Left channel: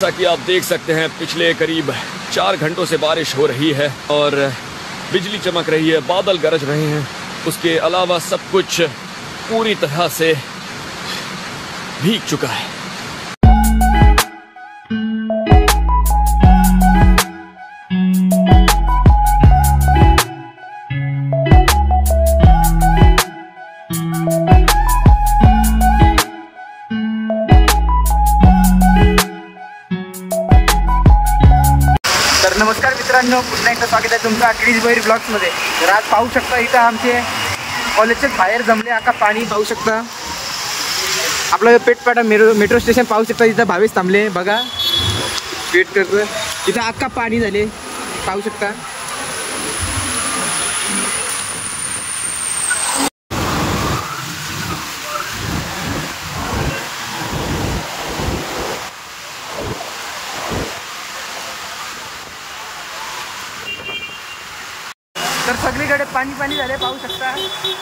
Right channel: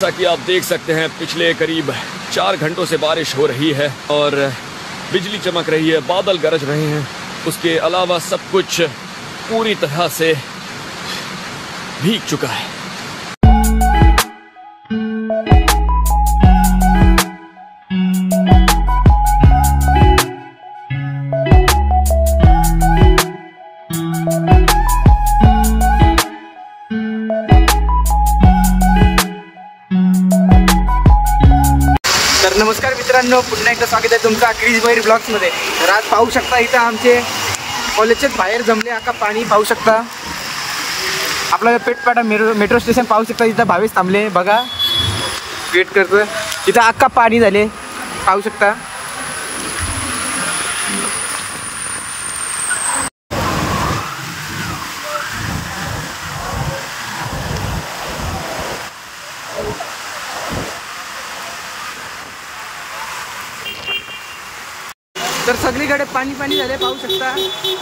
जैसा कि आप देख सकते हैं पिछले करीब 4 घंटों से बारिश हो रही है और बिजली चमक रही है, बादल गरज रहे हैं। उसके अलावा सब कुछ पूरी तरह से भीग चुका है। तर नमस्कार मित्रांनो, पुन्हा एकदा स्वागत आहे तुमचं क्रिश भैर ब्लॉग्समध्ये। तर आज पाहू शकता इथं आमचे कॉलेजचे बाहेर जमले आका पाणी पाहू शकता। आपलं पेटपाटा मेट्रो स्टेशन पाहू शकता, इथं भावेश थांबले बघा, वेट करतो। इथं आका पाणी झाले पाहू शकता। तर सगळीकडे पाणी पाणी झाले पाहू शकता।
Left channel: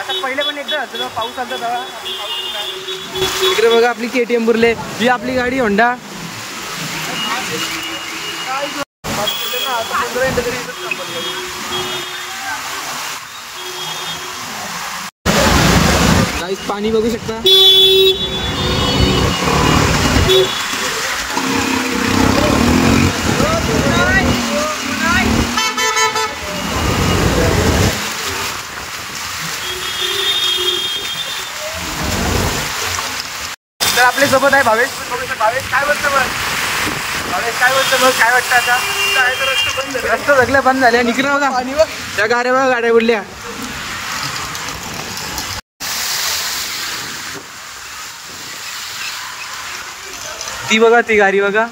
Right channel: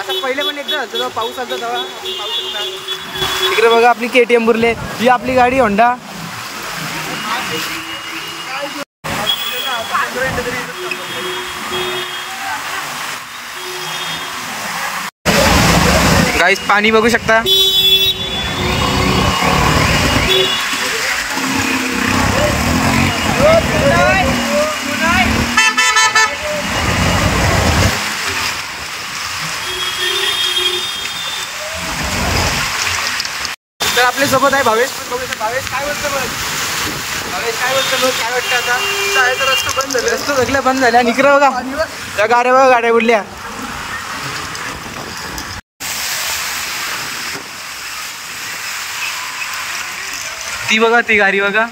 आता पहिले पण एकदा झालं तेव्हा पाऊस आला तेव्हा आपण पाहू शकता। इकडे बघा आपली KTM बुरले, ही आपली गाडी होंडा। गाइस पाणी बघू शकता। तर आपल्या सोबत आहे भावेश, पण बघू भावेश काय बोलतो मग? भावेश काय बोलतो मग? काय वाटतं आता? रस्ता बंद झाला, रस्ता सगळे बंद झाले आणि इकडे बघा त्या गाड्या बघा, गाड्या उडल्या। ती बघा, ती गाडी बघा।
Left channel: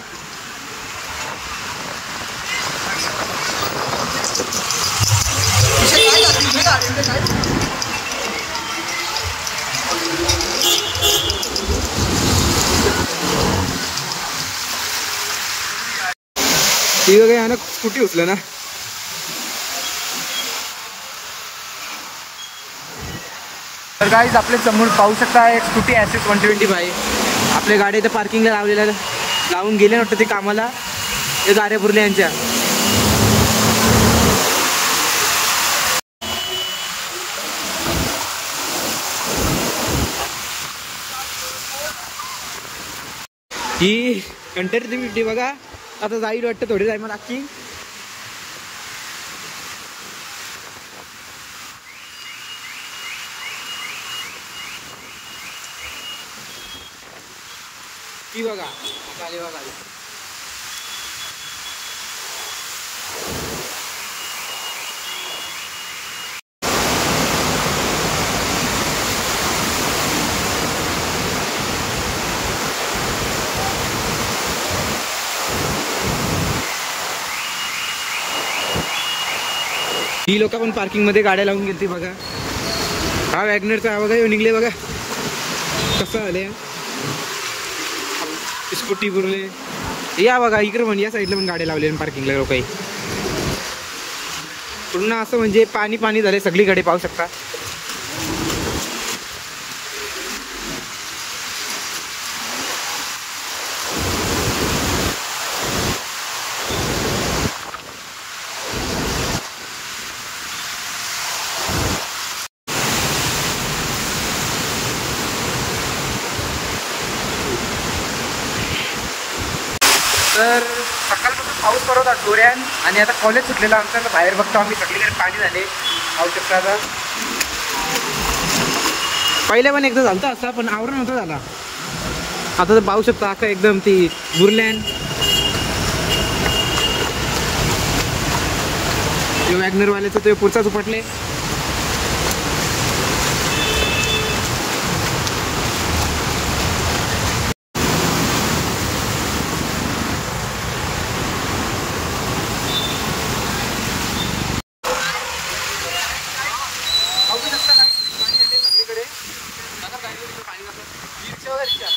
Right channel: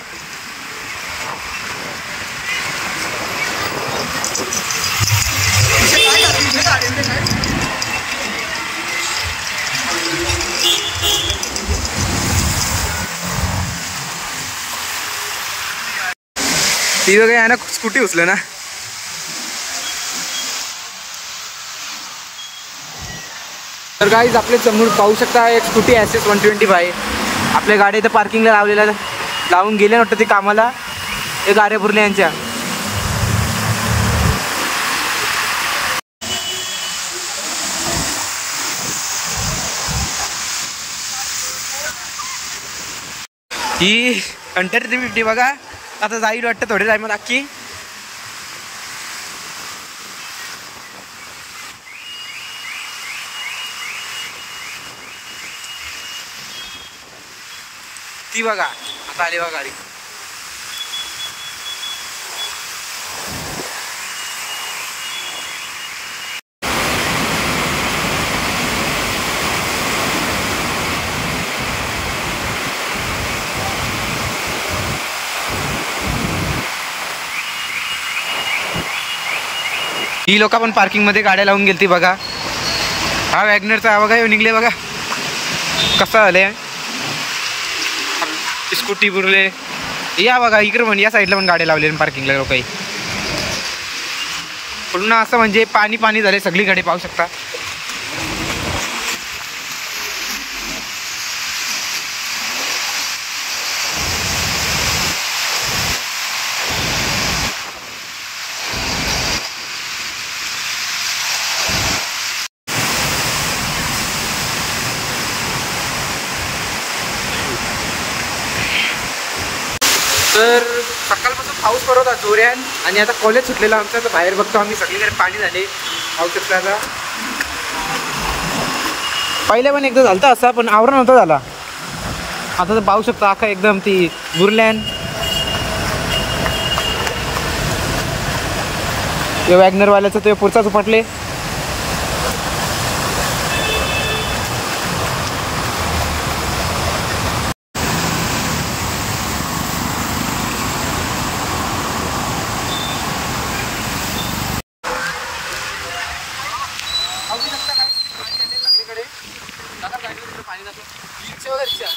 ती बघा आहे ना, स्कूटी उचलं ना। तर गाईज आपले समोर पाहू शकता एक स्कूटी SS 125 आपल्या गाडी इथं पार्किंगला लावलेला, लावून गेले नव्हतं ते कामाला, हे गाड्या पुरले यांच्या। ही Hunter 350 बघा, आता जाईल वाटतं थोडे टाइम नक्की। ती बघा आता आली बघा गाडी। ही लोक पण पार्किंग मध्ये गाड्या लावून गेलती बघा। हा वॅगनरचा बघा येऊन निघले बघा कसं आले, स्कूटी बुरले। या बघा इकडे पण या साईडला पण गाड्या लावले पार्किंगला लोक। पूर्ण असं म्हणजे पाणी पाणी झाले सगळीकडे पाहू शकता। तर सकाळपासून पाऊस पडत होता जोऱ्यान, आणि आता कॉलेज सुटलेला आमचं, तर बाहेर बघतो आम्ही सगळीकडे पाणी झाले पाहू शकता। आता पहिले पण एकदा झालं असा, पण आवरण नव्हता झाला। आता तर पाहू शकता आखा एकदम ती बुरल्यान। वॅगनरवाल्याचं ते पुढचाच उपटले। पाहू शकता काय पाणी आले सगळीकडे। पाणी जातं रिक्षा वगैरे रिक्षा।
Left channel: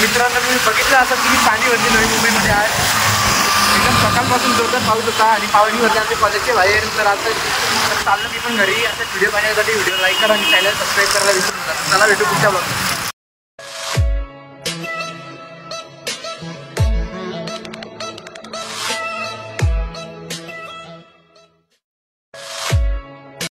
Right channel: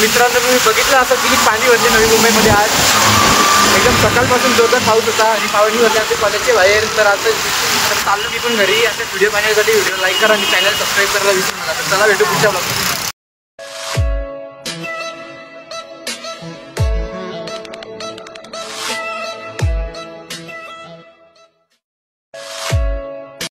मित्रांनो तुम्ही बघितलं असं किती पाणी भरले नवी मुंबईमध्ये आज. एकदम सकाळपासून जोरदार पाऊस होता आणि पाणी भरले आमच्या कॉलेजच्या बाहेर. तर आता चाललो मी पण घरी. आता व्हिडिओ पाहण्यासाठी व्हिडिओ लाईक करा आणि चॅनल सबस्क्राईब करायला विसरू नका. तर चला भेटू पुढच्या ब्लॉगमध्ये.